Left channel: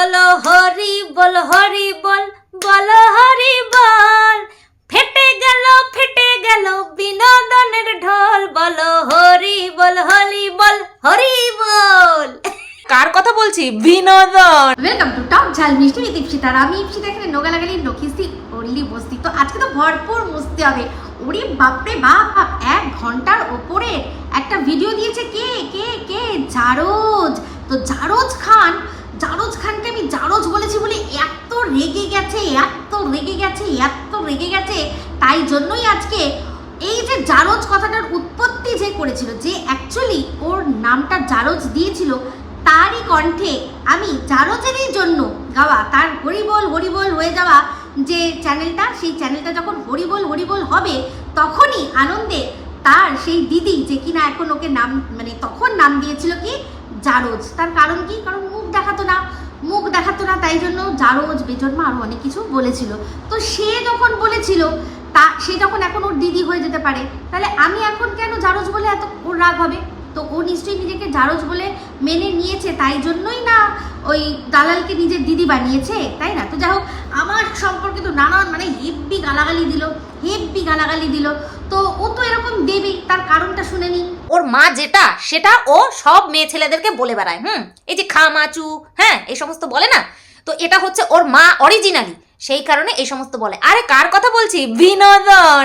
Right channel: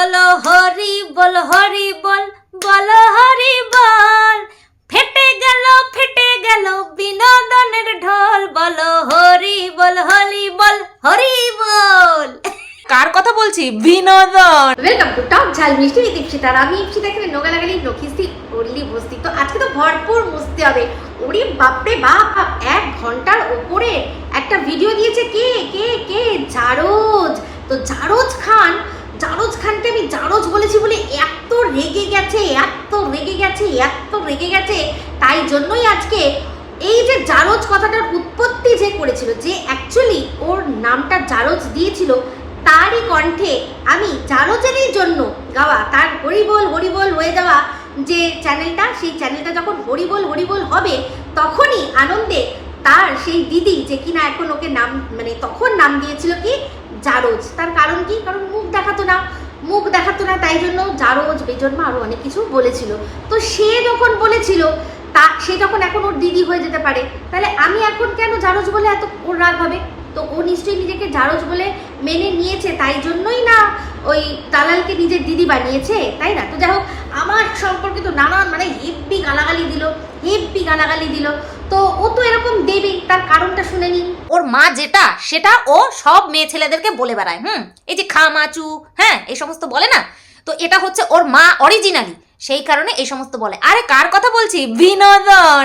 বলো হরি বল হরি বল বলো হরি বল। ফেটে গেল ফেটে গেল বিনোদনের ঢোল। বলো হরি বল হরি বল হরি বল। কার কথা বলছি? বিনোদন। ওয়েলকাম টু টপ ঝাল মিষ্টি উইথ ইপসিতা আর আমি ইপসিতা এখানে নোগালাগালি নখিসি অনলি বসতি। তো আজকে তো ভরপুর বসতে হবে। ওরে বাপরে বাপ এক ঘণ্টার ওপরে একটা ভিডিও দিয়েছে কে কে কে? জারোজ। তো জারোজ খান জারোজ খানকে আমি জারোজ বলেছি বলে এত রেগে গেছে, এত রেগে গেছে, এত রেগে গেছে। তাই জন্যই আজকে এই যে জারজ কথাটার উৎপত্তি যে করেছিল, যে অ্যাকচুয়ালি ওর নামটা জারজ দিয়েছিল, তারই কণ্ঠে আমি জারজেরই জন্য গাওয়া তার হরিবোল হরিবোল হয়ে যাওয়া যে চ্যানেলটা সেই চ্যানেলটা যখন হরিবোল হরিবোল হবে, তখনই আনন্দে তার সেই দিদি যে কিনা এখন ওকে নাম মানে তখন নাম দিয়েছিল কি? জারজ। তার কারণ কি? কারণ দেখাতো না, মুখ দেখাতো না, তাই জন্য জারজ বেজন্মা আরও অনেক কিছু বলেছিল। তো সে যখন বলেছিল, তা সে যখন এখন ওর দিদি হয়ে যেতে পারে, তাহলে আমি এখন কেন জারজ বলে এত ওর রাগ হবে? তো ও নিশ্চয়ই নিজেকে জারজ বলে মেনে নিয়েছে তাই জন্যই না ওই দালালকে নিজের দিদি বানিয়েছে তাই না? তো যাই হোক আমার সম্পর্কে তো নানান মানে হেব্বি গালাগালি দিল হেব্বি গালাগালি দিল। তো ও তো এরকম দেবেই তার কারণটা শুনে নিন। ওর মা যেটা সেটা ও সব মেয়ে ছেলেদেরকে বলে বেড়ায় হুম? এই যে খামাচু হ্যাঁ এই সমস্ত বলে না? তো এটা হচ্ছে ওর মা অরিজিনালি সেই কারণে এই সমস্ত বলে। আরে কার কথা বলছি? বিনোদন।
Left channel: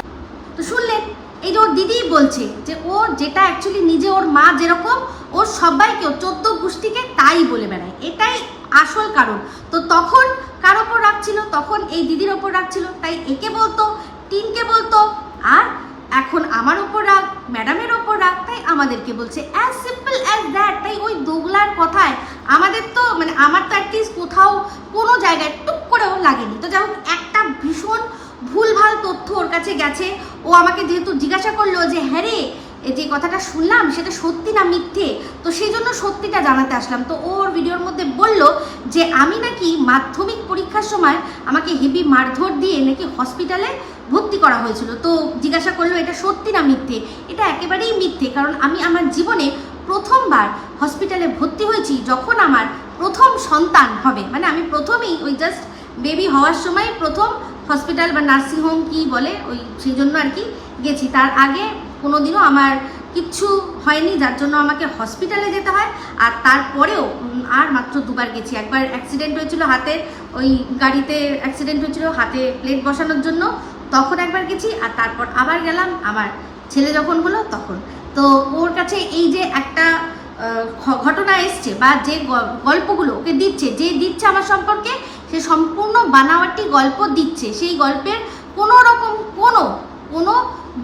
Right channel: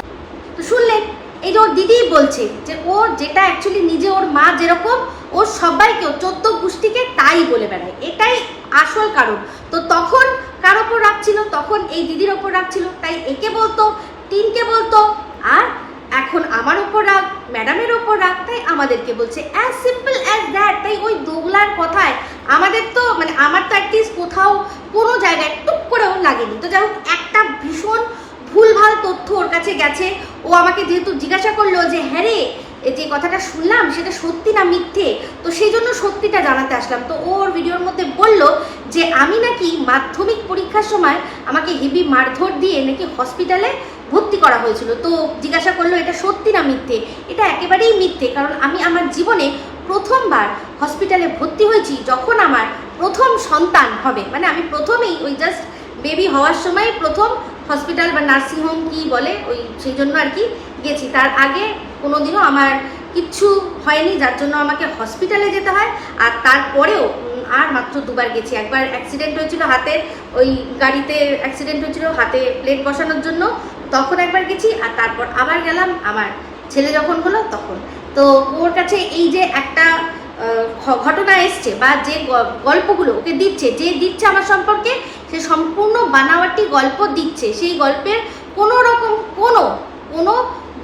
শুনলেন এই যে ওর দিদি বলছে যে ও যেটা অ্যাকচুয়ালি নিজে ওর মা যেরকম, ও সবাইকে চোদ্দ গোষ্ঠীকে তাই বলে বেড়ায়। এটাই আসল কারণ। তো তখন কার ওপর রাখছিল তখন এই দিদির ওপর রাখছিল তাই একে বলতো টিনকে বলতো, আর এখন আমার ওপর রাগ ম্যাডামের ওপর রাগ, তাই আমাদেরকে বলছে। অ্যাজ সিম্পল অ্যাজ দ্যাট তাই ওই দোগলার কথায় আমাদের তো মানে আমার তো অ্যাটলিস্ট কোথাও কোনো জায়গায় টুক করেও লাগেনি। তো যাই একটা ভীষণ ভুলভাল তথ্য ওর কাছে গেছে। ও আমাকে যেহেতু জিজ্ঞাসা করল যে হ্যাঁ রে যে কথাটা শুনলাম, সেটা সত্যি না মিথ্যে? তো সেই জন্য সত্যিটা জানাতে আসলাম। তো ওর ভিডিওর মধ্যে বলল যে, আমি নাকি মাধ্যমিক পরীক্ষার সময় আমাকে হেভি মারধর দিয়ে নাকি হসপিটালে ভর্তি করা হয়েছিল। তো জিজ্ঞাসা করল, এটা সত্যি না মিথ্যে? এটা একেবারেই মিথ্যে, কারণ আমি আমার জীবনে প্রথমবার হসপিটালে ভর্তি হয়েছি যখন আমার প্রথম সন্তান হবে। মানে আমি প্রথমেই ওই জাস্ট বেবি হওয়ার সময় প্রথম হসপিটাল বা নার্সিং হোম কি বলে, ওই সেই জন্য আর কি গেছি। তার আগে কোনোদিনও আমার কিচ্ছু হয়নি, যার জন্য আমাকে হসপিটালে যেতে হয়। আর তারপরেও আর মাত্র দুবার গেছি। একবার অ্যাক্সিডেন্ট হয়েছিল হাতে, ওই গাড়িতে অ্যাক্সিডেন্ট হয়েছিল হাতে প্লেট বসানোর জন্য, তখন একবার গেছি। আর তারপর আবার গেলাম, আমার ছেলে যখন হলো তখন। তো ওর কাছে এই যে একটা ঘটনা এসছে বা যে গল্পগুলো ওকে দিচ্ছে, যে দিচ্ছে আমার সম্পর্কে সে সম্পূর্ণ বানাওয়াটি গল্প দিচ্ছে। সেই গল্পের কোনো রকম, কোনো কোনো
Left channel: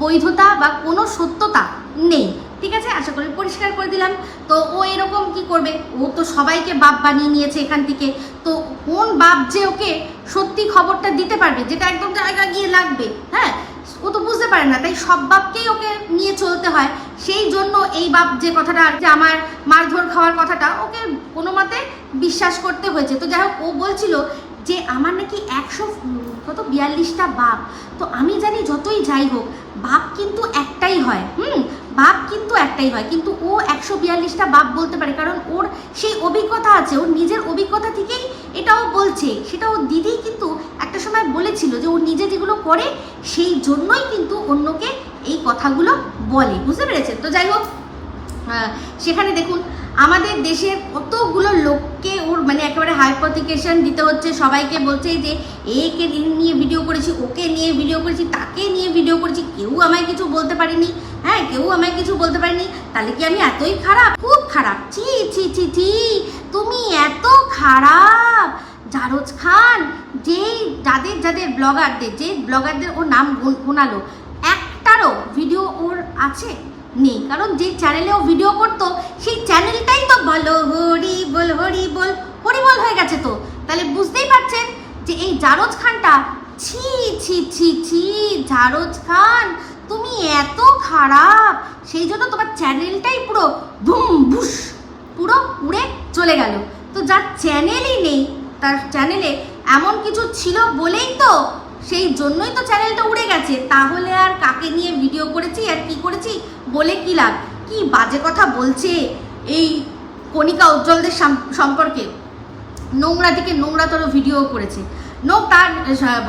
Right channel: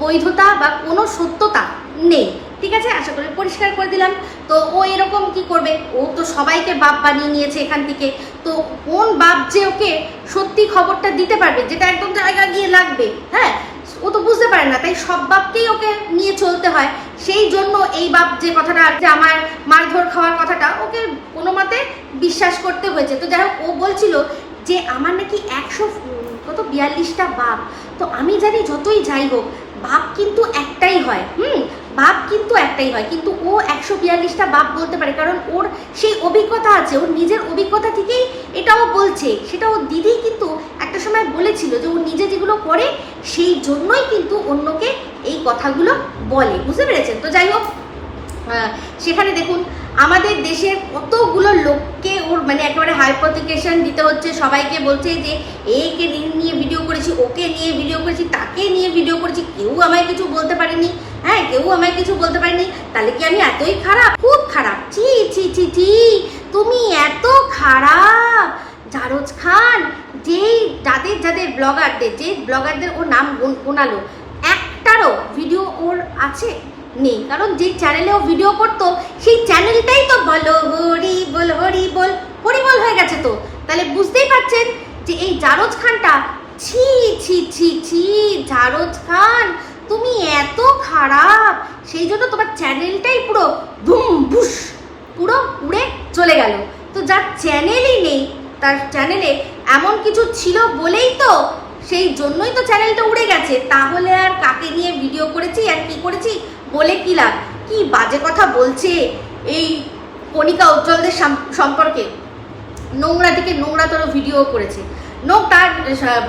বৈধতা বা কোনো সত্যতা নেই। ঠিক আছে? আশা করি পরিষ্কার করে দিলাম। তো ও এরকম কি করবে? ও তো সবাইকে বাপ বানিয়ে নিয়েছে এখান থেকে। তো কোন বাপ যে ওকে সত্যি খবরটা দিতে পারবে, যেটা একদম জায়গা গিয়ে লাগবে হ্যাঁ? ও তো বুঝতে পারে না, তাই সব বাপকেই ওকে নিয়ে চলতে হয়। সেই জন্য এই বাপ যে কথাটা আর যে আমার মারধর খাওয়ার কথাটা, ওকে কোনো মতে বিশ্বাস করতে হয়েছে। তো যাই হোক, ও বলছিল যে, আমার নাকি একশো, কত বিয়াল্লিশটা বাপ। তো আমি জানি যতই যাই হোক, বাপ কিন্তু একটাই হয়, হুম? বাপ কিন্তু একটাই হয়, কিন্তু ও একশো বিয়াল্লিশটা বাপ বলতে পারে, কারণ ওর সেই অভিজ্ঞতা আছে, ওর নিজের অভিজ্ঞতা থেকেই এটা ও বলছে। সেটা ওর দিদি কিন্তু একটা সময় বলেছিল যে ও নিজে যেগুলো করে, সেই জন্যই কিন্তু অন্যকে এই কথাগুলো বলে। বুঝতে পেরেছেন? তো যাই হোক সেখানে দেখুন আমাদের দেশের কতগুলো লোককে ওর মানে একেবারে হাইপোথিকেশন দিতে হচ্ছে, সবাইকে বলছে যে, একে নিয়ে ভিডিও করেছি, ওকে নিয়ে ভিডিও করেছি, তাকে নিয়ে ভিডিও করেছি, কেউ আমায় কিছু বলতে পারেনি হ্যাঁ কেউ আমায় কিছু বলতে পারেনি, তাহলে কি আমি এতই খারাপ? খুব খারাপ। ছি ছি ছি ছি, তুমি এত খারাপ। জারজ খান, যেই যাদের যাদের ব্লগারদের যে ব্লগারদের ও নাম গুন- গোনালো, একটারও ভিডিও ওর আছে? নেই। কারণ যেই চ্যানেলে ও ভিডিও করতো, সেই চ্যানেলটাই তো বলো, হরি বল হরি বল হরি বল হয়ে গেছে তো। তাহলে বুঝতেই পারছেন যে এই জারজ খানটা, ছি ছি ছি ছি, জারজ খান, তুমি এত খারাপ। সেই জন্য তোমার চ্যানেলটাই পুরো ধুম বুস পুরো উড়ে চলে গেল। তো যার চ্যানেলই নেই, তার চ্যানেলে এমন কিছু ছিল বলেই তো সেই জন্যই তো চ্যানেলটা উড়ে গেছে। তাহলে আর কাকে নিয়ে ভিডিও করেছি, আর কি করেছি? বলে কি লাভ? কি বাজে কথা বলছে এই কণিকা উজ্জ্বলদের সম্পর্কে? নোংরা থেকে নোংরাতর ভিডিও করেছে। নোক তার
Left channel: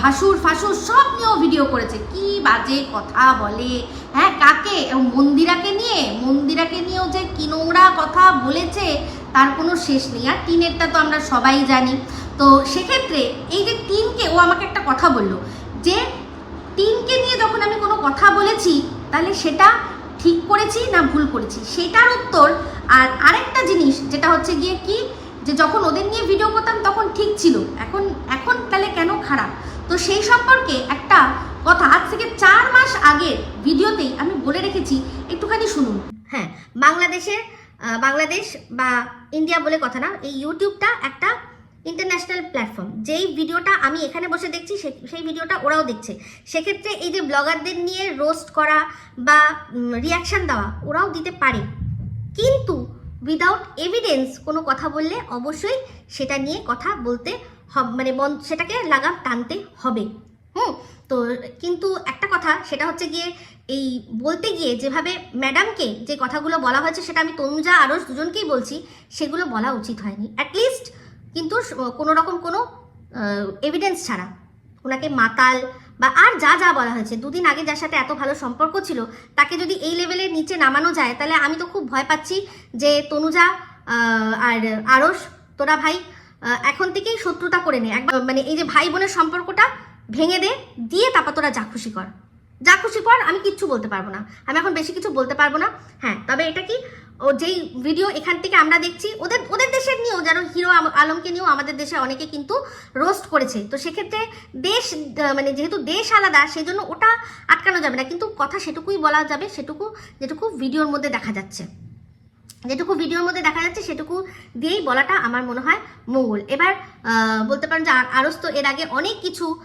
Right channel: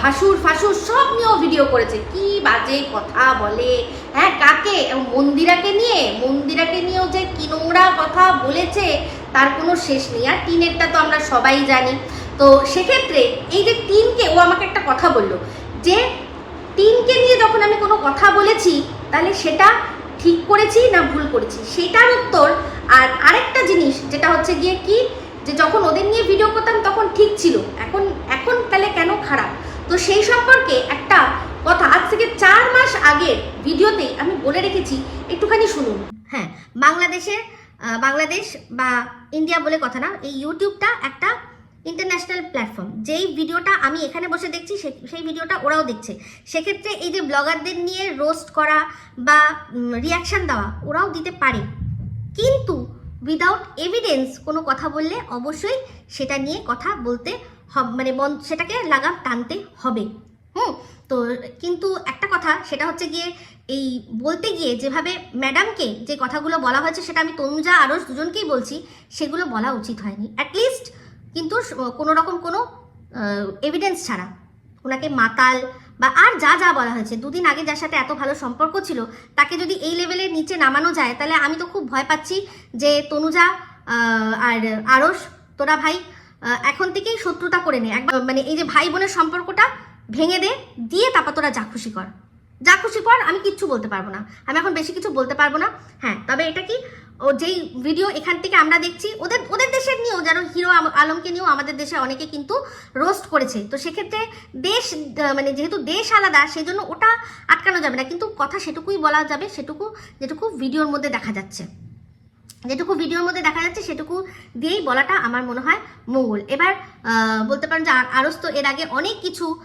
ভাসুর ফাসুর সব নিয়েও ভিডিও করেছে। কি বাজে কথা বলে? হ্যাঁ কাকে? মন্দিরাকে নিয়ে? মন্দিরাকে নিয়েও যে কি নোংরা কথা বলেছে, তার কোনো শেষ নেই। আর টিনেরটা তো আমরা সবাই জানি। তো সেক্ষেত্রে এই যে টিনকে, ও আমাকে একটা কথা বলল যে, টিনকে নিয়ে যখন আমি কোনো কথা বলেছি, তাহলে সেটা ঠিক করেছি না ভুল করেছি? সেটার উত্তর আর আরেকটা জিনিস যেটা হচ্ছে গিয়ে কি যে যখন ওদের নিয়ে ভিডিও করতাম তখন ঠিক ছিল। এখন এখন তাহলে কেন খারাপ? তো সেই সম্পর্কে একটা কথা আজ থেকে চার মাস আগের ভিডিওতেই আমি বলে রেখেছি একটুখানি শুনুন। হ্যাঁ বাংলাদেশের আহ, বাংলাদেশ বা ইন্ডিয়া বলে কথা না এই ইউটিউবটা একটা ইন্টারন্যাশনাল প্ল্যাটফর্ম যেই ভিডিওটা আমি এখানে বসে দেখছি সেই ভিডিওটা ওরাও দেখছে। সেক্ষেত্রে এই যে ব্লগারদের নিয়ে রোস্ট করা বা রিয়াকশন দেওয়া, ওরাও দিতে পারে। কিন্তু উইদাউট এভিডেন্স কোনো কথা বললে অবশ্যই সেটা নিয়ে কথা বলতে হব মানে সেটাকে লাগাম টানতে হবে। হুম, তো কিন্তু একটা কথা, সেটা হচ্ছে গিয়ে এই বলতে গিয়ে যেভাবে ম্যাডামকে যে কথাগুলো বলা হয়েছে, সেটা আমি তনুজা আরও দুজনকেই বলছি, সেগুলো বলা উচিত হয়নি। অ্যাটলিস্ট কিন্তু কোনো রকম কোনো এভিডেন্স ছাড়া। ওনাকে মাতাল বা আর যা যা বলা হয়েছে, দুদিন আগে যার সাথে এত ভালো সম্পর্ক ছিল, তাকে যদি এই লেভেলের নিচে নামানো যায়, তাহলে আমি তো খুব ভয় পাচ্ছি যে তনুজা আর আরস তোরা ভাই এখন থেকেই শত্রুতা করে নে। একবার মানে এই যে ভাই বোনের সম্পর্কটা ভেঙে দে, দিয়ে তারপর তোরা যা খুশি কর। যা খুশি কর, আমি কিচ্ছু বলতে পারব না। আমি এখন বেশি কিছু বলতে পারব না। হ্যাঁ তবে এটা কি ও যেই ভিডিও এখান থেকে আমরা দেখছি, ওদের ওদের দেশের নিয়েও, যেন হিরো আলমকে নিয়েও আমাদের দেশে অনেকে কিন্তু রোস্ট করেছে। তো সেক্ষেত্রে দেশ মানে যেহেতু দেশ আলাদা সেই জন্য ওটা আটকানো যাবে না। কিন্তু কথা সেটুকুই বলা যাবে, সেটুকু, যেটুকু ভিডিওর মধ্যে দেখা যাচ্ছে। যেটুকু ভিডিওর মধ্যে দেখা যাচ্ছে, সেটুকু দিয়েই বলাটা আমার মনে হয় মঙ্গল। এবার বলতে পারেন যে আর- আরস তো এর আগে অনেক কিছু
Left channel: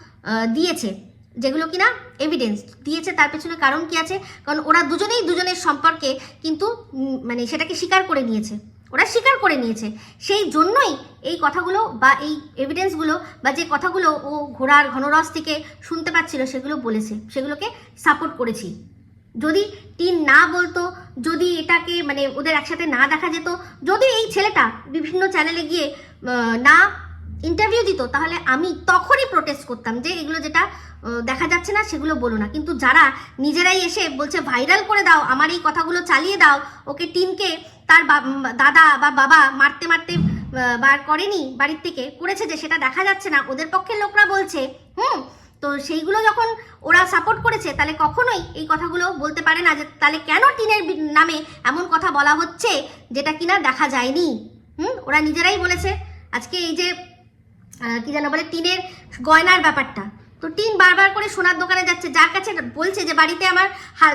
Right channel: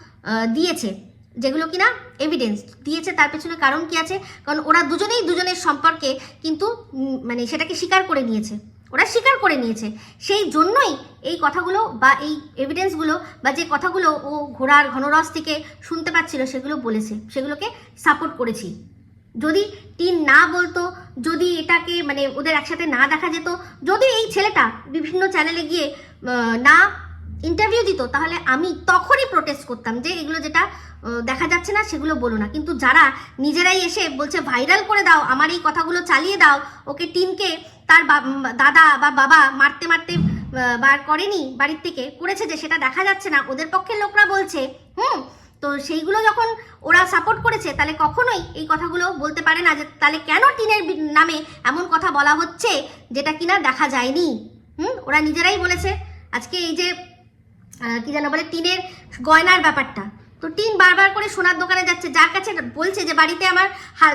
দিয়েছে। যেগুলো কিনা এভিডেন্স দিয়েছে, তার পেছনে কারণ কি আছে? কারণ ওরা দুজনেই দুজনের সম্পর্কে কিন্তু মানে সেটাকে স্বীকার করে নিয়েছে। ওরা স্বীকার করে নিয়েছে। সেই জন্যই এই কথাগুলো বা এই এভিডেন্সগুলো বা যে কথাগুলো ও ঘোড়ার ঘনরস থেকে শুনতে পাচ্ছিল, সেগুলো বলেছে। সেগুলোকে সাপোর্ট করেছি। যদি টিন না বলতো, যদি এটাকে মানে ওদের একসাথে না দেখা যেত, যদি এই ছেলেটা বিভিন্ন চ্যানেলে গিয়ে না ইন্টারভিউ দিত, তাহলে আমি তখনই প্রোটেস্ট করতাম যে এগুলো যেটা দেখা যাচ্ছে না সেগুলো বলো না। কিন্তু যারা নিজেরাই এসে বলছে ভাইরাল করে দাও, আমার এই কথাগুলো চালিয়ে দাও, ওকে টিনকে তার দাদা বা বাবা মারতে মারতে বার করেনি বাড়ির থেকে, করেছে যে সেটা দেখা যাচ্ছে না, ওদের পক্ষের লোকরা বলছে, হুম, তো সেইগুলো যখন ওরা সাপোর্ট করেছে, তাহলে কখনোই এই কথাগুলো বলতে পারে না যে, তাহলে কেন টিনের নামে এমন কথা বলা হচ্ছে, যেটা কিনা দেখা যায়নি? হুম, ওরা নিজেরাই বলেছে, আজকে এই যে কি যেন বলে, টিনের গয়নার ব্যাপারটা। তো টিন বারবার করে সোনার দোকানে যাচ্ছে। যার কাছে বলছে যে, বাড়িতে আমার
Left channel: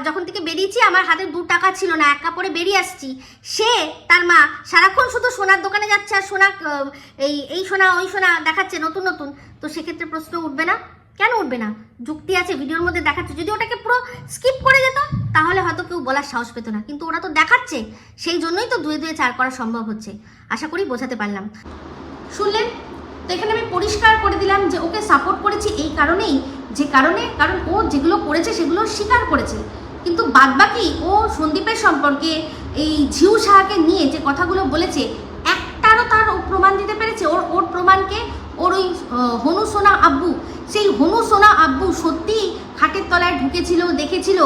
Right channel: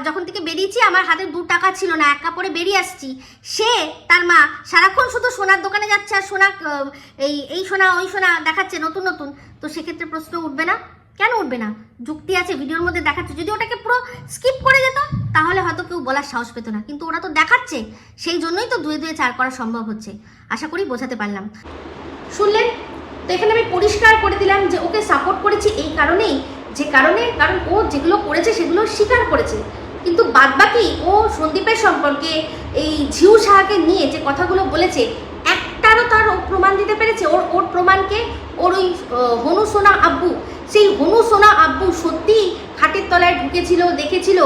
যখন থেকে বেরিয়েছি, আমার হাতে দু টাকা ছিল না, এক কাপড়ে বেরিয়ে আসছি। সে, তার মা, সারাক্ষণ শুধু সোনার দোকানে যাচ্ছে আর সোনা এই এই সোনা, ওই সোনা দেখাচ্ছে নতুন নতুন। তো সেক্ষেত্রে প্রশ্ন উঠবে না। কেন উঠবে না? যুক্তি আছে, ভিডিওর মধ্যে দেখাচ্ছে। যদি ওটাকে পুরো স্কিপ করে যেত, তাহলে হয়তো কেউ বলার সাহস পেত না। কিন্তু ওরা তো দেখাচ্ছে। সেই জন্যই তো দুয়ে দুয়ে চার করা সম্ভব হচ্ছে। আশা করি বোঝাতে পারলাম। শুনলেন? এখানে আমি পরিষ্কার করে দিলাম যে ওকে সাপোর্ট করেছি এই কারণেই, যে কারণে, কারণ ও যেগুলো করেছে সেগুলো স্বীকার করেছে। কিন্তু বাদবাকি ও সন্দীপের সম্পর্কে, এই ঝিউ সাহাকে নিয়ে যে কথাগুলো বলেছে, একটারও তার প্রমাণ দিতে পেরেছে। ওর ওর প্রমাণকে ওর ওই হনু সোনা আব্বু, সেই হনু সোনা আব্বু সত্যি খাটের তলায় ঢুকেছিল, দেখেছিল।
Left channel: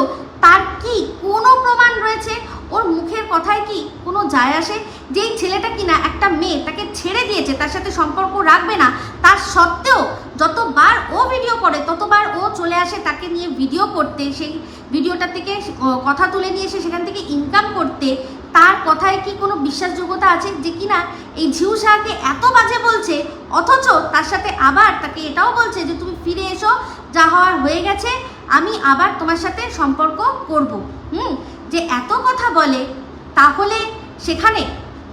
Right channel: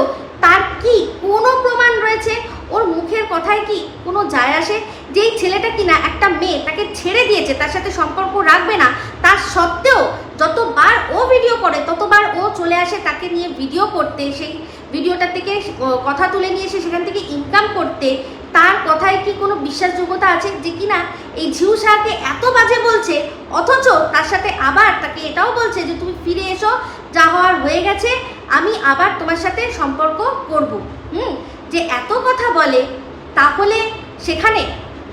তার কি কোনো প্রমাণ রয়েছে? ওর মুখের কথায় কি কোনো যায় আসে? যেই ছেলেটা কিনা একটা মেয়ে তাকে ছেড়ে দিয়েছে, তার সাথে সম্পর্ক রাখবে না, তার সত্ত্বেও যতবার ও ভিডিও করে, ততবার ও চলে আসে তাকে নিয়ে ভিডিও করতে, সেই ভিডিওটা থেকে কথা তুলে নিয়ে এসে সেখান থেকে ইনকাম করতে, তার কথায় কি কোনো বিশ্বাসযোগ্যতা আছে যে কিনা এই ঝিউ শাহকে এত বাজে বলছে, অথচ তার সাথে আবার তাকে এটাও বলছে যে তুমি ফিরে এসো, যা হওয়ার হয়ে গেছে, আমি আবার তোমার সাথে সম্পর্ক করব। হুম, যে এত কথা বলে, তাহলে সেখানে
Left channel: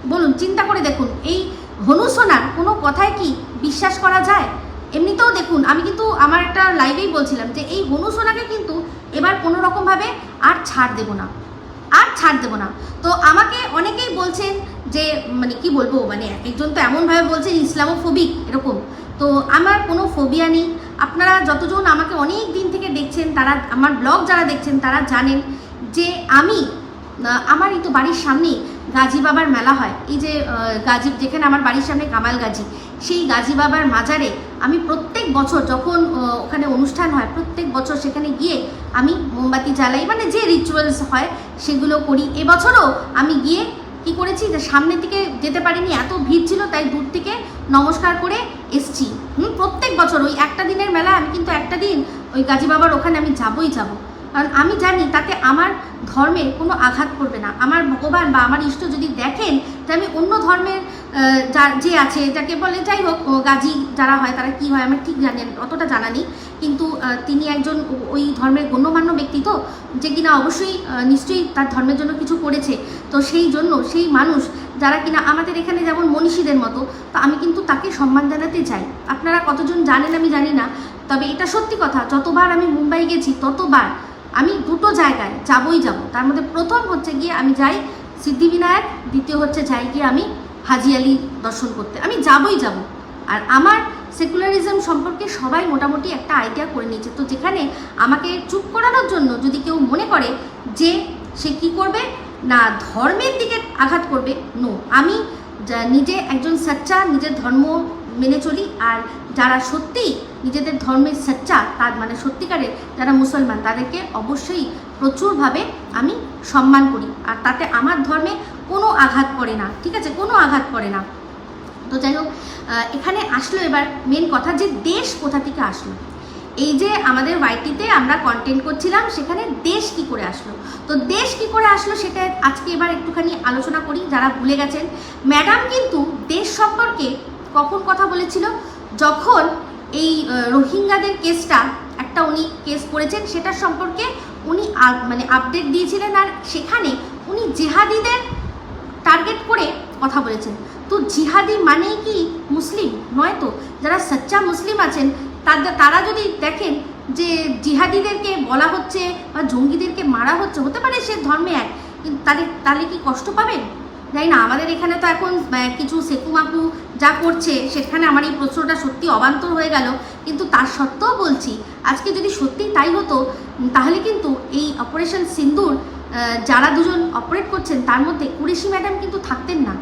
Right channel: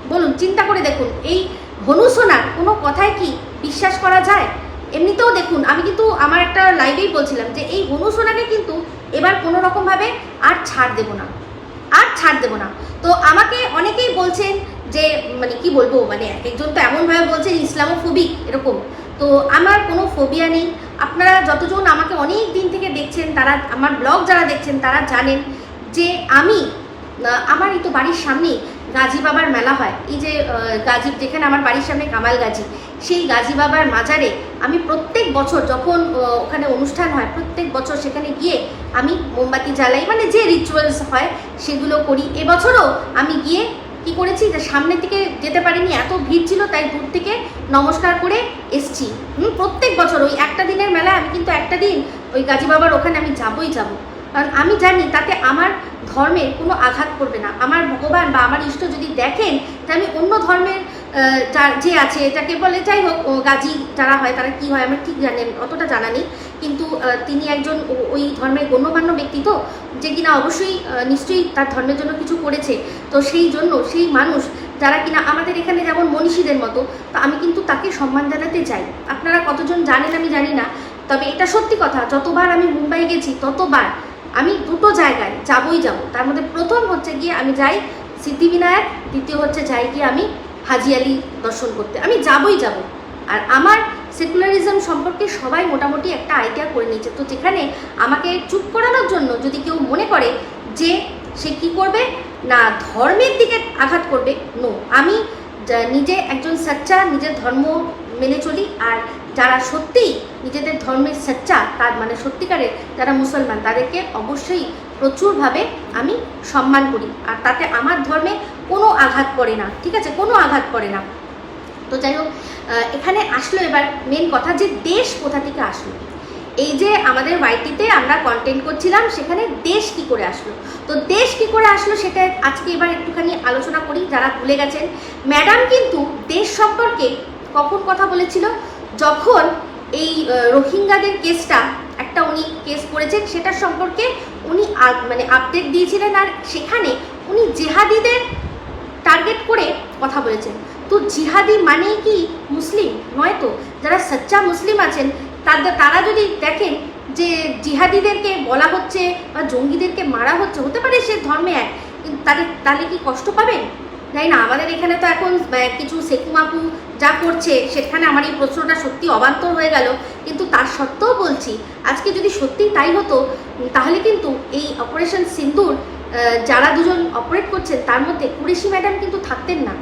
বলুন চিন্তা করে দেখুন এই হনু সোনার কোনো কথায় কি বিশ্বাস করা যায়? এমনিতেও দেখুন আমি কিন্তু আমার একটা লাইভেই বলছিলাম যে এই হনু সোনাকে কিন্তু এবার কোনো রকমভাবে আর ছাড় দেবো না। আর ছাড় দেবো না। তো আমাকে অনেকেই বলছেন যে মানে কি বলব মানে এক একজন তো এমনভাবে বলছেন ইসলামোফোবিক এরকম। তো আমার কোনো ফোবিয়া নেই। আপনারা যতজন আমাকে অনেক দিন থেকে দেখছেন তারা আমার ব্লগ যারা দেখছেন তারা জানেন যে আমি আহ, আমার এই তো বাড়ির সামনেই গাজী বাবার মেলা হয়। এই যে গাজী যেখানে আমার বাড়ির সামনে কামাল গাজী। সেই গাজী বাবার মাজারে আমি প্রত্যেক বছর যখন ওখানে অনুষ্ঠান হয়, প্রত্যেক বছর সেখানে গিয়ে আমি মোমবাতি জ্বালাই মানে যে রিচুয়ালস হয় সেগুলো করি। এবছরও আমি গিয়ে কি করেছি যে, সামনের দিকে যেতে পারিনি, এত ভিড় ছিল, তাই দূর থেকে নমস্কার করে এসছি। হুম, প্রত্যেক বছর ওই একটা দিনের মেলা আমি কিন্তু একটা দিন ওই গাজী বাবার ওখানে আমি যাবই যাব। কারণ আমি জানি তাতে আমার ধর্মে কোনো আঘাত করবে না। আমার ভগবান বা আমার ইষ্ট যদি দেখেন যে আমি অন্য ধর্মের যা- আছে, যাকে বলে যাই হোক গাজী যারা হয়, তারা কি হয় আমার ঠিক জানেন অতটা জানা নেই। কিন্তু তিনি একজন ওই ধর্মের গণ্যমান্য ব্যক্তি তো, যে কিনা অবশ্যই নিশ্চয়ই তার ধর্মের জন্য কিছু করেছে। তো সেই জন্য সেই মানুষ যারা কিনা আমাদের এখানে যেমন মনীষীদের মতো, তো আমি কিন্তু তাকে সম্মান জানাতে চাই। আপনারা কতজন জানেন আমি জানি না, তবে এটা সত্যি কথা, যতবার আমি মুম্বাই গেছি, ততবার আমি দুটো জায়গায় যাবই যাব। তার মধ্যে প্রথম হচ্ছে গিয়ে আমি যাই সিদ্ধিবিনায়ক, দ্বিতীয় হচ্ছে যাই গিয়ে আমি হাজি আলি দর্শন করতে। আমি যাবই যাব। আর আমার সেকুলারিজম সম্পর্কে সবাই মোটামুটি একটা আইডিয়া করে নিয়েছে। তো যেখানে আমাকে চুপ করানোর জন্য যদি কেউ মনে করে যে সে কি করবে, না ধর্মের দিকে আঘাত করবে নো আমি নিজে একজন সাচ্চা, নিজের ধর্ম মেনে চলি। আর যারা সত্যিই নিজেদের ধর্মের সাচ্চা, তার মানে সত্যিকারের যারা মুসলমান, তাদেরকে অবশ্যই প্রচুরভাবে আমি সম্মান করি। আর তাতে আমার ধর্মে কোনো আঘাত পড়ে না, ঠিক আছে? কোনো আঘাত পড়ে না। তো যাই হোক এখানে আসলো এবার মেন কথা যে দেশ কোথা থেকে আসলো। এই যে আমাদের ওয়াইটিতে আমরা কন্টেন্ট করছিলাম, সেখানে দেশ কি করে আসলো? তো দেশ কি করে আসলো সেটা আজকে এবার একটুখানি আলোচনা করি, যারা ভুলে গেছেন। ম্যাডাম কিন্তু দেশ সম্পর্কে কখন কথা বলেছিল? যখন এই রোহিঙ্গাদের কেসটা, একটা উনি কেস করেছেন, সেটা সম্পর্কে উনি মানে আপডেট দিয়েছিলেন আর সেখানে উনি জেহাদিদের টার্গেট করে কথা বলেছেন। তো জিহাদি মানেই কি মুসলিম? নয় তো? যারা সচ্চা মুসলিম আছেন তাদের তারা যদি দেখেন যে জিহাদিদেরকে বলা হচ্ছে বা জঙ্গিদেরকে মারা হচ্ছে, হতে পারে সে ধর্মে এক, কিন্তু তাদের তাহলে কি কষ্ট পাবেন? জানি না, আমাদের এখানে তো এখন কিছু সেকুমাকু যা করছে, সেখানে আমার এই প্রশ্নটা সত্যি অবান্তর হয়ে গেল। কিন্তু তার সত্ত্বেও বলছি, আজকে যদি সত্যিই তাই হতো তাহলে কিন্তু এই অপারেশন সিন্দুর যারা দুজন অপারেট করছেন, তার মধ্যে কুরেশি ম্যাডাম কিন্তু থাকতেন না।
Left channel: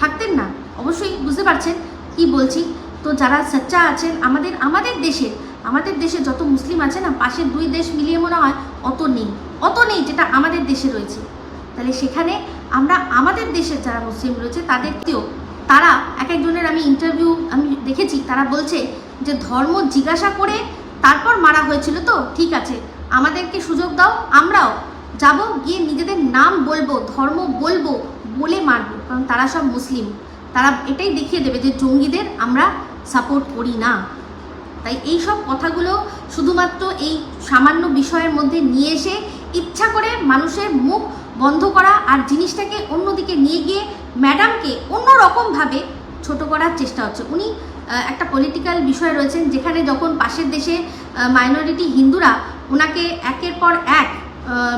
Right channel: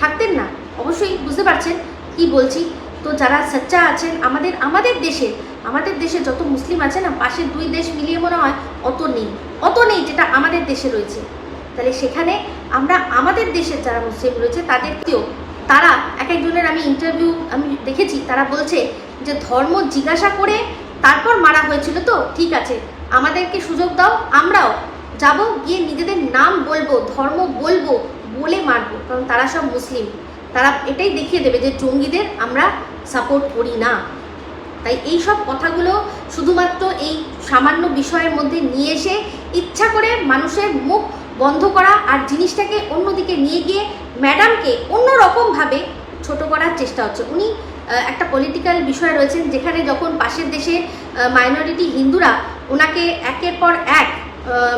থাকতেন না। অবশ্যই বুঝতে পারছেন কি বলছি। তো যারা সচ্চা আছেন, আমাদের আমাদের দেশে আমাদের দেশে যত মুসলিম আছে না পাশের দুই দেশ মিলিয়ে মনে হয় অত নেই। অত নেই যেটা আমাদের দেশে রয়েছে। তাহলে সেখানে আমরা আমাদের দেশের যারা মুসলিম রয়েছে, তাদেরকেও তারা এক একজনের আমি ইন্টারভিউ আমি দেখেছি, তারা বলছে যে ধর্ম জিজ্ঞাসা করে তারপর মারা হয়েছিল তো, ঠিক আছে, আমাদেরকে সুযোগ দাও, আমরাও যাব, গিয়ে নিজেদের নাম বলব, ধর্ম বলব, বলে মারবো, কারণ তারা সব মুসলিম। তারা এটাই দেখিয়ে দেবে যে জঙ্গিদের আমরা সাপোর্ট করি না। তাই এই সব কথাগুলো শুধুমাত্র এই সামান্য বিষয়ের মধ্যে নিয়ে এসে ইচ্ছা করে মানুষের মুখ বন্ধ করা আর জিনিসটাকে অন্যদিকে নিয়ে গিয়ে ম্যাডামকে অন্যরকমভাবে ছোট করার চেষ্টা হচ্ছে। উনি একটা পলিটিক্যাল বিষয় রয়েছেন যেখানে যখন পাশের দেশে মাইনরিটি হিন্দুরা ওনাকে একের পর এক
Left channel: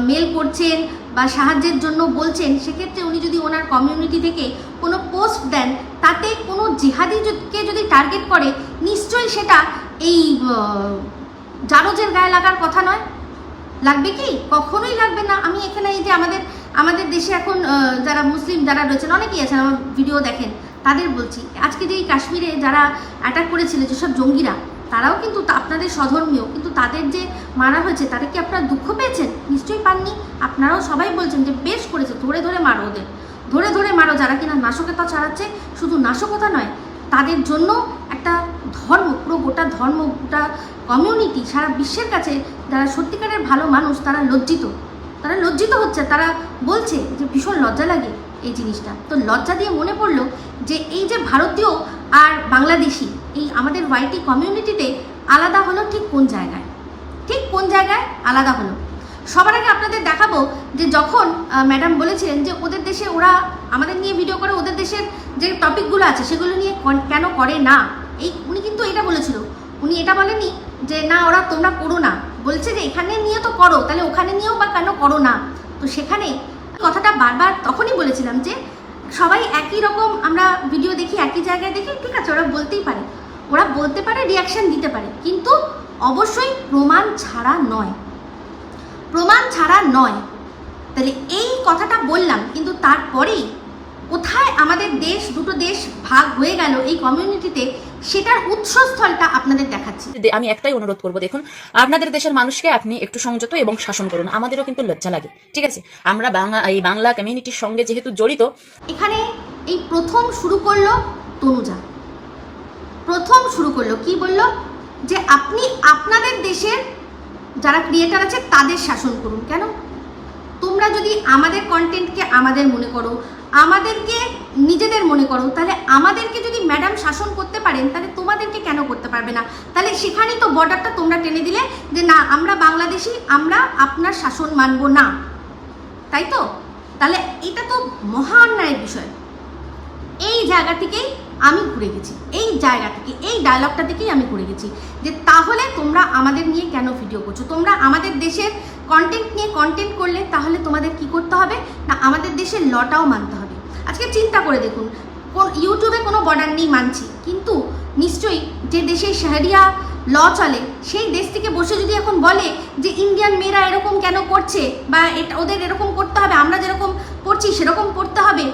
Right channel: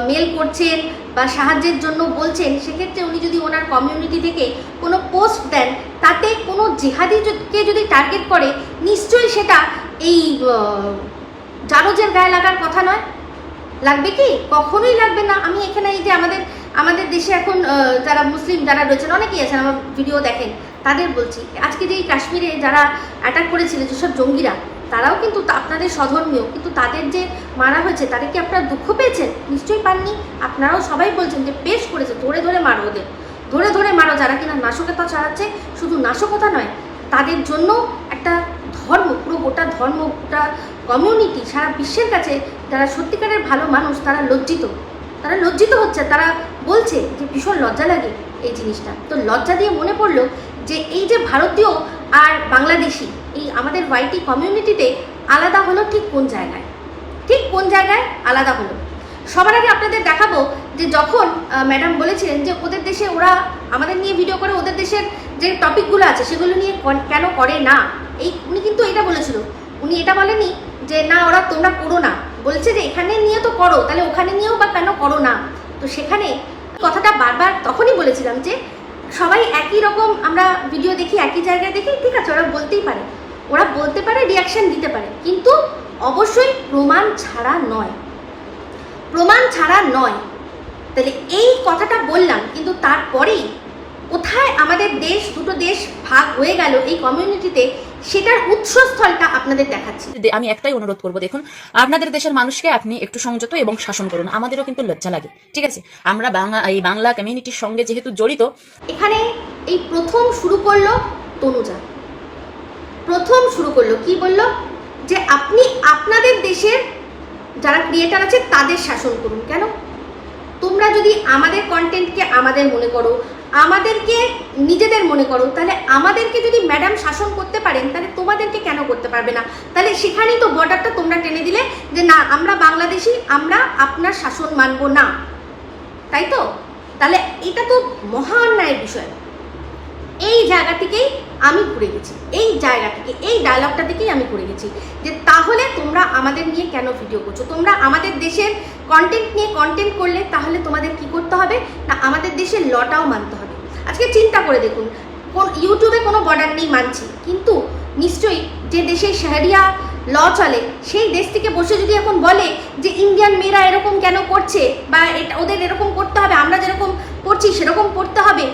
মেল করছেন বা সাহায্যের জন্য বলছেন, সেক্ষেত্রে উনি যদি ওনার কমিউনিটি থেকে কোনো পোস্ট দেন, তাতে কোনো জিহাদিকে যদি টার্গেট করে, নিশ্চয়ই সেটা এই জারজের গায়ে লাগার কথা নয়। লাগবে কি? কখনোই লাগবে না। আমি এখানে এই যে আমাদের আমাদের দেশে এখন যারা মুসলিম যারা রয়েছেন, অনেকেই আছেন, আমার ভিডিও দেখেন, তাদের বলছি, আজকে যে এই কাশ্মীরে যারা অ্যাটাক করেছিল যেসব জঙ্গিরা, তারাও কিন্তু আপনাদের স্বধর্মীয় কিন্তু তাদের যে মারা হয়েছে, তাদের কি আপনারা দুঃখ পেয়েছেন? নিশ্চয়ই পাননি। আপনারাও সবাই বলছেন যে, বেশ করেছে, ধরে ধরে মারো ওদের। ধরে ধরে মারো যারা কিনা নাশকতা চালাচ্ছে, শুধু নাশকতা নয়, তাদের জন্য একটা ধর্ম, পুরো গোটা ধর্ম, গোটা কমিউনিটি সারা বিশ্বের কাছে যারা সত্যিকারের ভালো মানুষ, তারা লজ্জিত। তারা লজ্জিত হচ্ছে, তারা বলছে যে ভীষণ লজ্জা লাগে এই জিনিসটা। তো লজ্জা দিয়ে মনে পড়ল যে এই যে ভারতীয় আর বাংলাদেশি, এই আমাদের ওয়াইটি কমিউনিটিতে আলাদা হলো ঠিক কোন জায়গায়? ঠিক কোন জায়গায় আলাদা হলো? সবার আগে আপনাদের দেখাবো যে যখন ম্যাডাম বলেছিলেন যে ওদের দেশে ওরা আমাদের নিয়ে ভিডিও করে, ওদের দেশের যে টপিকগুলো আছে, সেগুলো নিয়ে কেন করে না? এই উনি কিন্তু এটা বলেছিল। উনি এটা বলেনি যে, না, ওরা তোমরা করো না। বলছে যে, এখানে নিয়ে তো করো, তাহলে ওখানে নিয়েও বা কেন করো না? তো সেখানে কথাটা বারবার তখনই বলেছিলাম যে, সবাই একই রকম আমরা ভিডিও দেখি, একই জায়গায় দেখি, ঠিক আছে, ওরা বলতেই পারে। ওরা বলতে পারে রিয়াকশন দিতে পারে। কিন্তু অবশ্যই প্রমাণ ছাড়া নয়। প্রমাণ ছাড়া নয়। তাহলে এই কথাটা বললাম, কিন্তু তারপরেই কোথায় আমাদের দেশ, দুটো দেশ ভাগ হয়ে গেল এই কমিউনিটিতে সেটার উৎসস্থলটা আপনাদের দেখাচ্ছি। আমি একটাই অনুরোধ করব দেখুন আপনাদের দেশের মানুষকে আপনি একটু সংযত এবং শাসন করুন আমাদেরও কিন্তু লজ্জা লাগে ঠিক আছে? আমরা বাংলা এই বাংলা কমিউনিটির সঙ্গে যেহেতু জড়িত এখানে এই প্রথম শুরু করল তনুজা। প্রথম শুরু করল কি বলল? যে আপনি আপনাদের দেশের যারা ক্রিয়েটার আছে তাদের শাসন করুন কেন? তোমরা যদি আমাদের কন্টেন্টকে আমাদের মনে করো আমাদেরকে নিজেদের মনে করো। তাহলে আমাদেরকে যদি ম্যাডাম শাসন করতে পারেন, তাহলে তোমাদেরকে কেন করতে পারবে না? তাহলে সেখানেই তো বর্ডারটা তোমরা টেনে দিলে যে না, আমরা বাংলাদেশি, আমরা আপনার শাসন মানবো না। তাই তো? তাহলে এটা তো মহা অন্যায়ের বিষয়। এই জায়গা থেকেই আমি ঘুরে গেছি। এই জায়গা থেকে, এই ডায়লগটা থেকেই আমি ঘুরে গেছি। যে তাহলে তোমরা আমাদের নিয়ে কেন ভিডিও করছ? তোমরা আমাদের দেশের কন্টেন্ট নিয়ে কন্টেন্ট করলে তাহলে তোমাদের কি করতে হবে? না, আমাদের দেশের লটাও মানতে হবে। আজকে চিন্তা করে দেখুন, কোন ইউটিউবে কোনো বর্ডার নেই মানছি। কিন্তু নিশ্চয়ই যে দেশে শাহরিয়া ল চলে, সেই দেশ থেকে বসে যদি এখন বলে যে ইন্ডিয়ান মেয়েরা এরকম কেন করছে বা এটা ওদের এরকম করতে হবে, আমরা যেরকম করছি সেরকম করতে হবে,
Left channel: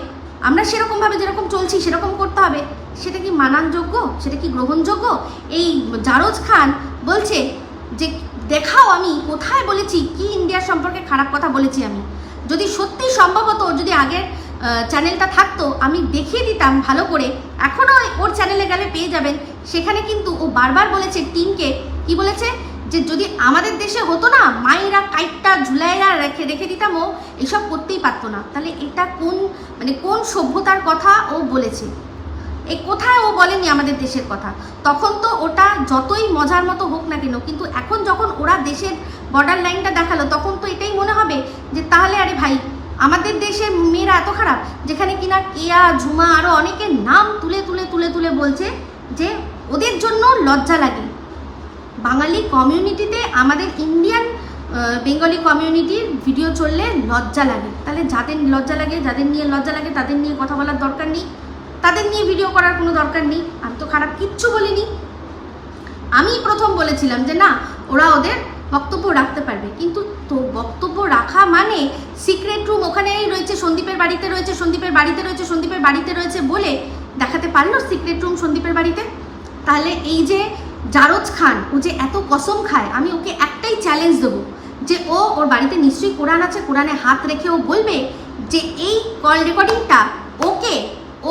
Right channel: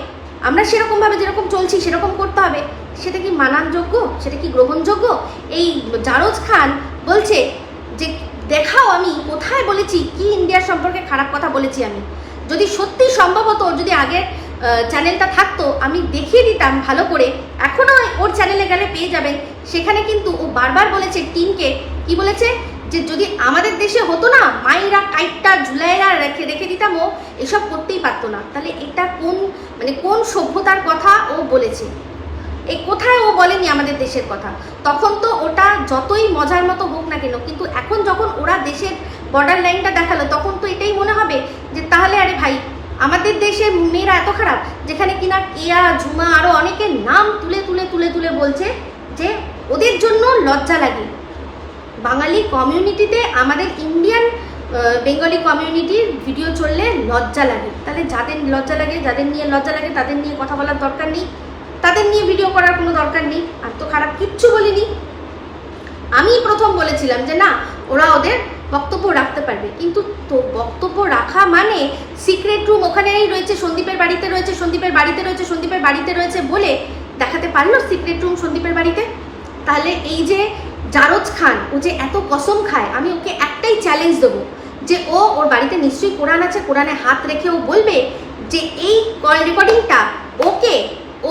আমরা সেরকমভাবে যেরকম চলছি সেরকম করতে হবে, সেটা কি মানানযোগ্য? সেটা কি গ্রহণযোগ্য? এই জারজ খান বলছে যে দেখাও আমি, কোথায় বলেছি, কি ইন্ডিয়ার সম্পর্কে খারাপ কথা বলেছি আমি। যদি সত্যি সম্ভবত ওর যদি আগের চ্যানেলটা থাকতো, আমি দেখিয়ে দিতাম ভালো করে। এখনও ওর চ্যানেলে গেলে পেয়ে যাবেন। সেখানে কিন্তু ও বারবার বলেছে টিমকে, কি বলেছে? যে যদি আমাদের দেশে হতো না মায়েরা কাইটটা ঝুলাইয়া রেখে রেখে দিতাম ও, এসব করতেই পারতো না। তাহলে এটা কোন মানে কোন সভ্যতার কথা ও বলেছে? এই কোথায় ও বলেনি আমাদের দেশের কথা? তখন তো ওটা যতই মজার মতো হোক না কেন, কিন্তু এখন যখন ওরা দেশের বর্ডার লাইনটা দেখাল, তখন তো এটাই মনে হবে যে, তাহলে আরে ভাই, আমাদের দেশের মেয়েরা এত খারাপ, যেখানে কিনা কেয়া ঝুমা আরও অনেকের নাম তুলে তুলে তুলে তুলে বলছে যে, ওদের জন্য লজ্জা লাগে। বাঙালি কমিউনিটিতে আমাদের ইন্ডিয়ান বেঙ্গলি কমিউনিটির ভিডিও চললে লজ্জা লাগে। তাহলে যাদের লজ্জা লাগে, যাদের নিয়ে লজ্জা লাগে, তাদের নিয়ে কথা বলার দরকার নেই। তাদের নিয়ে ভিডিও করার কোনো দরকার নেই। আর তো খারাপ কিচ্ছু বলিনি। আমি প্রথম বলেছিলাম যে না, ওরা ওদের বক্তব্য রাখতে পারবে। কিন্তু তো বক্তব্য রাখা মানে সিক্রেট রুম ওখানেই রয়েছে, সন্দীপের বাড়িতে রয়েছে, সন্দীপের বাড়িতে রয়েছে, সন্দীপের বাড়িতে রয়েছে বলে দেখাতে পারল সিক্রেট রুম সন্দীপের বাড়িতে? তাহলে এই যে জারদ খান, ও যে এত কসম খায়, আমি ওকে একটাই চ্যালেঞ্জ দেবো যে ও ওর বাড়িতে নিশ্চয়ই কোরআন আছে, কোরআনে হাত রেখে ও বলবে যে এই কল রেকর্ডিংটা ওকে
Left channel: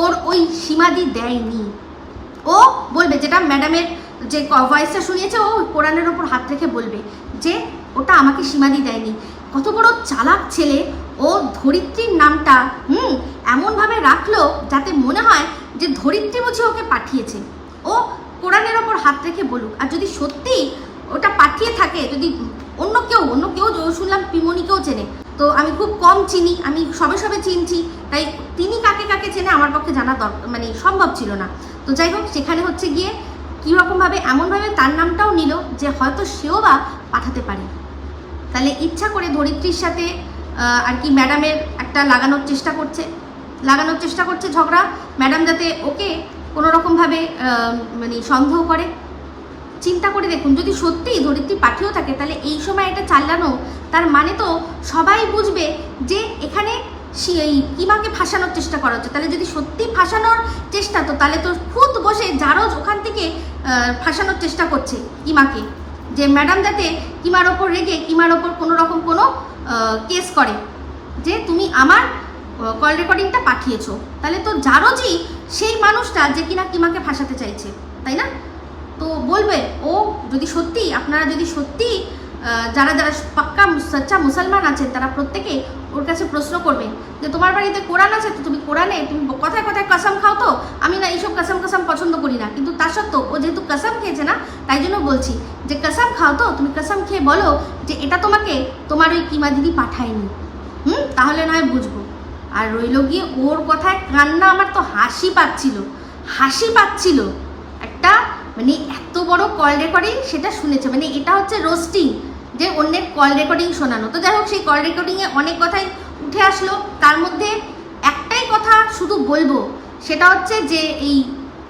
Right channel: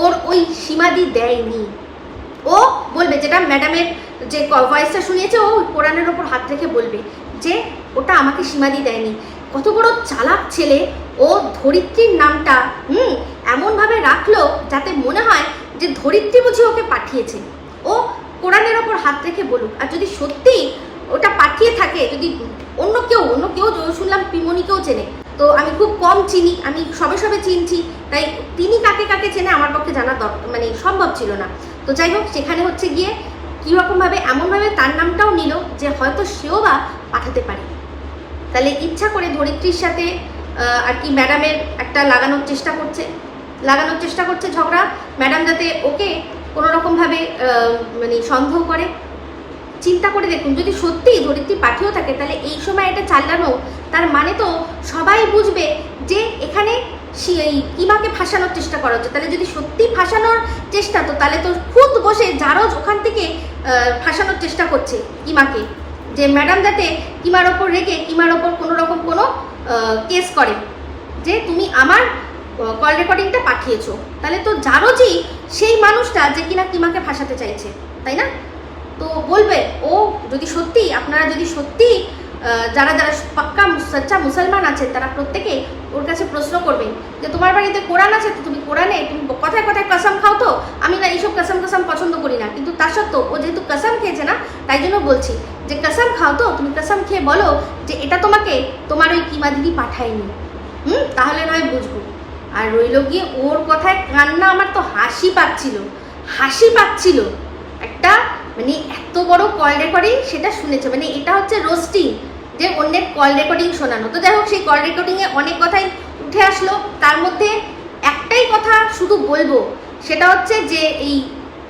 ওর ওই সীমাদি দেয়নি। ও বলবে যেটা ম্যাডামের যে ভয়েসটা শুনিয়েছে, ও কোরআনের ওপর হাত রেখে বলবে যে ওটা আমাকে সীমাদি দেয়নি। কত বড় চালাক ছেলে, ও ধরিত্রীর নামটা, হুম, এমনভাবে রাখল যাতে মনে হয় যে ধরিত্রী বুঝে ওকে পাঠিয়েছে। ও কোরআনের ওপর হাত রেখে বলুক। আর যদি সত্যি ওটা পাঠিয়ে থাকে, যদি অন্য কেউ অন্য কেউ শুনলাম পিমনিকেও চেনে তো আমি খুব কম চিনি আমি সবে সবে চিনছি তাই তিনি কাকে কাকে চেনে আমার পক্ষে জানা মানে সম্ভব ছিল না। তো যাই হোক সেখানে হচ্ছে গিয়ে কীরকমভাবে এমনভাবে তার নামটাও নিল যে হয়তো সেও বা পাঠাতে পারে। তাহলে ইচ্ছা করে ধরিত্রীর সাথে আর কি ম্যাডামের একটা লাগানোর চেষ্টা করছে লাগানোর চেষ্টা করছে ঝগড়া ম্যাডাম যাতে ওকে কোনো রকমভাবে আহ, মানে সন্দেহ করে। চিন্তা করে দেখুন যদি সত্যিই ধরিত্রী পাঠিয়েও থাকে তাহলে এই সময় এটা চালানো তার মানে তো সবাই বুঝবে যে এখানে ইমাকে ফাঁসানোর চেষ্টা করা হচ্ছে। তাহলে যদি সত্যি ফাঁসানোর চেষ্টা, তো তাহলে তো খুদ বসে জারজ ওখান থেকে ফাঁসানোর চেষ্টা করছে ইমাকে। যে ম্যাডাম যাতে ইমার ওপর রেগে, ইমার ওপর কোনো রকম কোনো কেস করে। যে তুমি আমার কল রেকর্ডিংটা পাঠিয়েছো। তাহলে তো জারজই সেই মানুষটা যে কিনা কিমাকে ফাঁসাতে চাইছে, তাই না? তো বলবে, ও যদি সত্যি, আপনারা যদি সত্যি যারা যারা পাক্কা সচ্চা মুসলমান আছেন তারা প্রত্যেকে ওর কাছে প্রশ্ন করবেন যে, তোমার বাড়িতে কোরআন আছে? তো তুমি কোরআনে, তুমি কথায় কথায় কসম খাও তো? আমি না এইসব কসম কসম পছন্দ করি না। কিন্তু তা সত্ত্বেও ও যেহেতু কসম খেয়েছে না, তাই জন্য বলছি যে, কসম খাও তো? তুমি কসম খেয়ে বলো যে, এটা তোমাকে তোমার ওই কিমা দিদি পাঠায়নি। হুম? তাহলে নয় বুঝব। আর রইল গিয়ে ওর কথায় কান্না আমার তো হাসি পাচ্ছিল হাসি পাচ্ছিল। একটা মানে এত বড় কল রেকর্ডিং সেটা শুনেছে। মানে এটা হচ্ছে রোস্টিং। যে অন্যের কল রেকর্ডিং শোনানো। তো যাই হোক সেই কল রেকর্ডিংয়ে অনেক কথাই উঠে আসলো। তার মধ্যে একটাই কথা শুধু বলব, সেটা হচ্ছে যে এই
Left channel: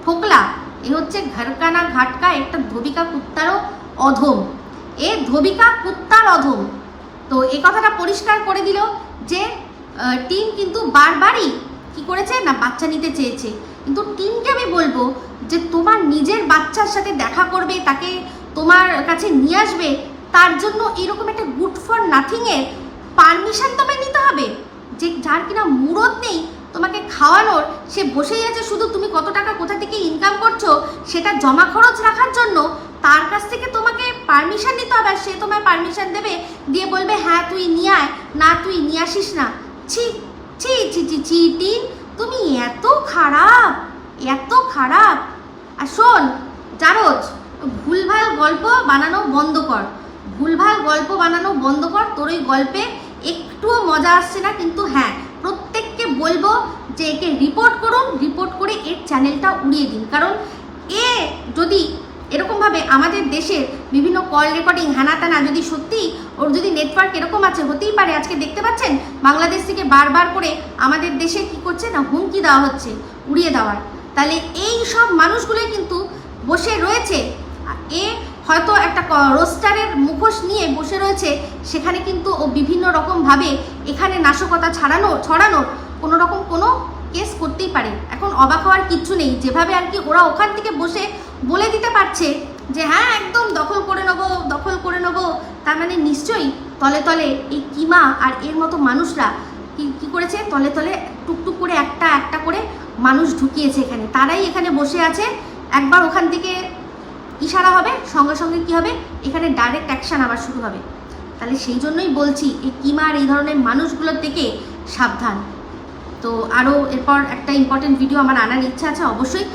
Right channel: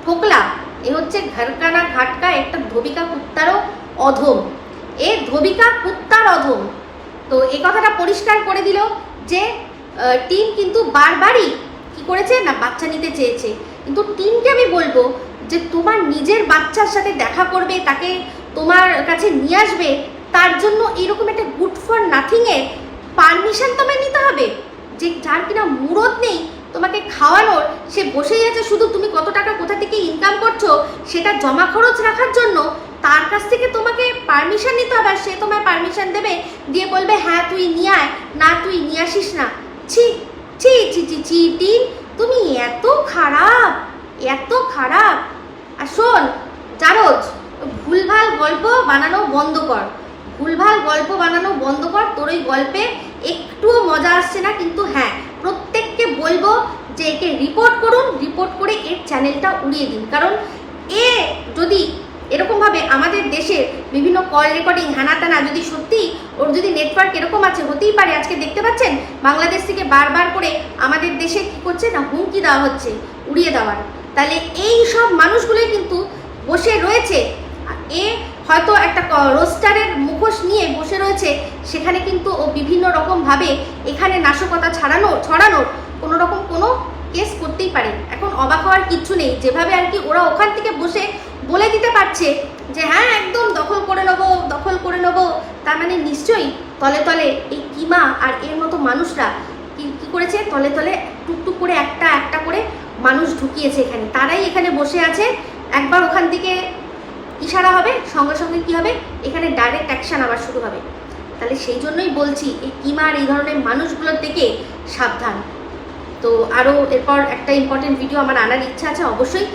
ফোকলা, এ হচ্ছে ঘরকানা ঘাটকা, একটা ধবিকা কুত্তারও অধম। এ ধবিকা কুত্তার অধম। তো এই কথাটা পরিষ্কার করে দিল যে টিম কিন্তু বারবারই কি করেছে না, বাচ্চা নিতে চেয়েছে। কিন্তু তিনটে আমি বলব যে তোমার নিজের বাচ্চার সাথে দেখা করবে, তাকে তোমার কাছে নিয়ে আসবে তার জন্য এরকম একটা গুড ফর নাথিংয়ে পারমিশন তোমায় নিতে হবে যে যার কিনা মুরত নেই তোমাকে খাওয়ানোর, সে বসেই আছে শুধু তুমি কত টাকা কোথা থেকে ইনকাম করছ সেটা জমা খরচ রাখার জন্য তার কাছ থেকে তোমাকে পারমিশন নিতে হবে সে তোমায় পারমিশন দেবে দিয়ে বলবে হ্যাঁ তুই নিয়ে আয়। না, তুই নিয়ে আসিস না। ছি ছি ছি ছি ছি তুমি এত খারাপ এত খারাপ। আর শোন, জারজ, ভুলভাল গল্প বানানো বন্ধ কর। ভুলভাল গল্প বানানো বন্ধ কর, তোর ওই গল্পে একটুও মজা আসছে না, কিন্তু হ্যাঁ প্রত্যেককে বলব যে একে রিপোর্ট করুন রিপোর্ট করে এর চ্যানেলটা উড়িয়ে দিন। কারণ এ যদি এরকমভাবে আমাদের দেশের বিভিন্ন কল রেকর্ডিং হানা টানা যদি সত্যি ওর যদি নেটওয়ার্ক এরকম আছে, হতেই পারে। আজকে দেখতে পাচ্ছেন, বাংলাদেশ থেকে বারবার করে আমাদের দেশে কি করছে না, হুমকি দেওয়া হচ্ছে, উড়িয়ে দেওয়ার। তাহলে এই সব মানুষগুলোই কিন্তু বসে রয়েছে। এ হয়তো একটা রোস্টারের মুখোশ নিয়ে বসে রয়েছে, সেখানে কিন্তু ও বিভিন্ন রকম ভাবে এখানে নাশকতা ছাড়ানো ছড়ানোর কোনো রকম কোনো কেস করতেই পারে। এখন অবাক হওয়ার কিচ্ছু নেই। যেভাবে আর কি ওরা ওখান থেকে বসে বলে দিতে পারছে যে হ্যাঁ একদম দখল করে নেব, দখল করে নেব। তার মানে নিশ্চয়ই তলে তলে এই কিমা আর এর মতো মানুষরা কি করেছে? তলে তলে টুকটুক করে একটা একটা করে মানুষ ঢুকিয়েছে এখানে। তারাই এখানে বসে আছে। একবার ওখান থেকে ইশারা হবে, সঙ্গে সঙ্গে কি হবে? এখানে ডাইরেক্ট অ্যাকশন আবার শুরু হবে। তাহলে সেই জন্যই বলছি, এই কিমার এই ধরনের মানুষগুলোর থেকে সাবধান। তো আরও এরপর একটা ইম্পর্টেন্ট ভিডিও আমার আনার ইচ্ছা আছে, অবশ্যই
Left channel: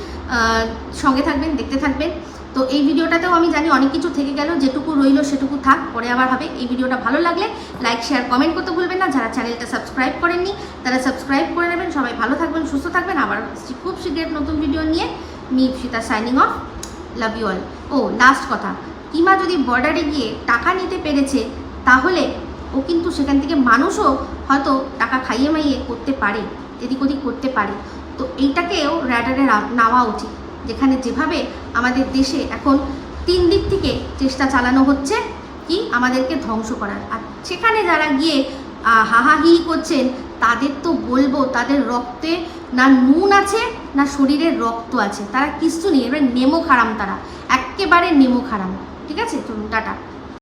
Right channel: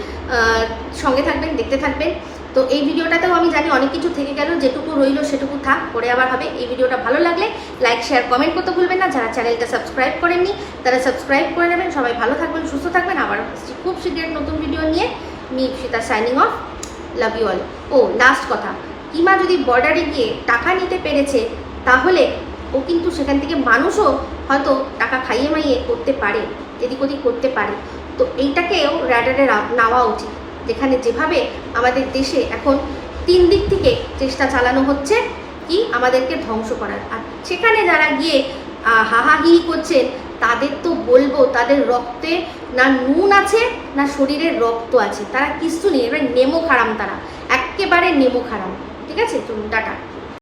সঙ্গে থাকবেন, দেখতে থাকবেন। তো এই ভিডিওটাতেও আমি জানি অনেক কিছু থেকে গেল, যেটুকু রইল সেটুকু থাক, পরে আবার হবে। এই ভিডিওটা ভালো লাগলে লাইক শেয়ার কমেন্ট করতে ভুলবেন না। যারা চ্যানেলটা সাবস্ক্রাইব করেননি, তারা সাবস্ক্রাইব করে নেবেন। সবাই ভালো থাকবেন, সুস্থ থাকবেন। আবার খুব শীঘ্র নতুন ভিডিও নিয়ে me Sita signing off love you all O last কথা। ইমা যদি বর্ডারে গিয়ে টাকা নিতে পেরেছে তাহলে ও কিন্তু সেখান থেকে মানুষও হয়তো টাকা খাইয়ে মাইয়ে করতে পারে এদিক ওদিক করতে পারে। তো এইটাকেও র্যাডারে নেওয়া উচিত। যেখানে যেভাবে আমাদের দেশে এখন তিন দিক থেকে চেষ্টা চালানো হচ্ছে কি আমাদেরকে ধ্বংস করার। আর সেখানে যারা গিয়ে আহ, হাহাহিহি করছেন তাদের তো বলব, তাদের রক্তে না নুন আছে, না শরীরের রক্ত আছে। তারা কিছু নেই, এবার নেমো খারাম তারা। একেবারে নেমো খারাম ঠিক আছে? চলুন, টাটা।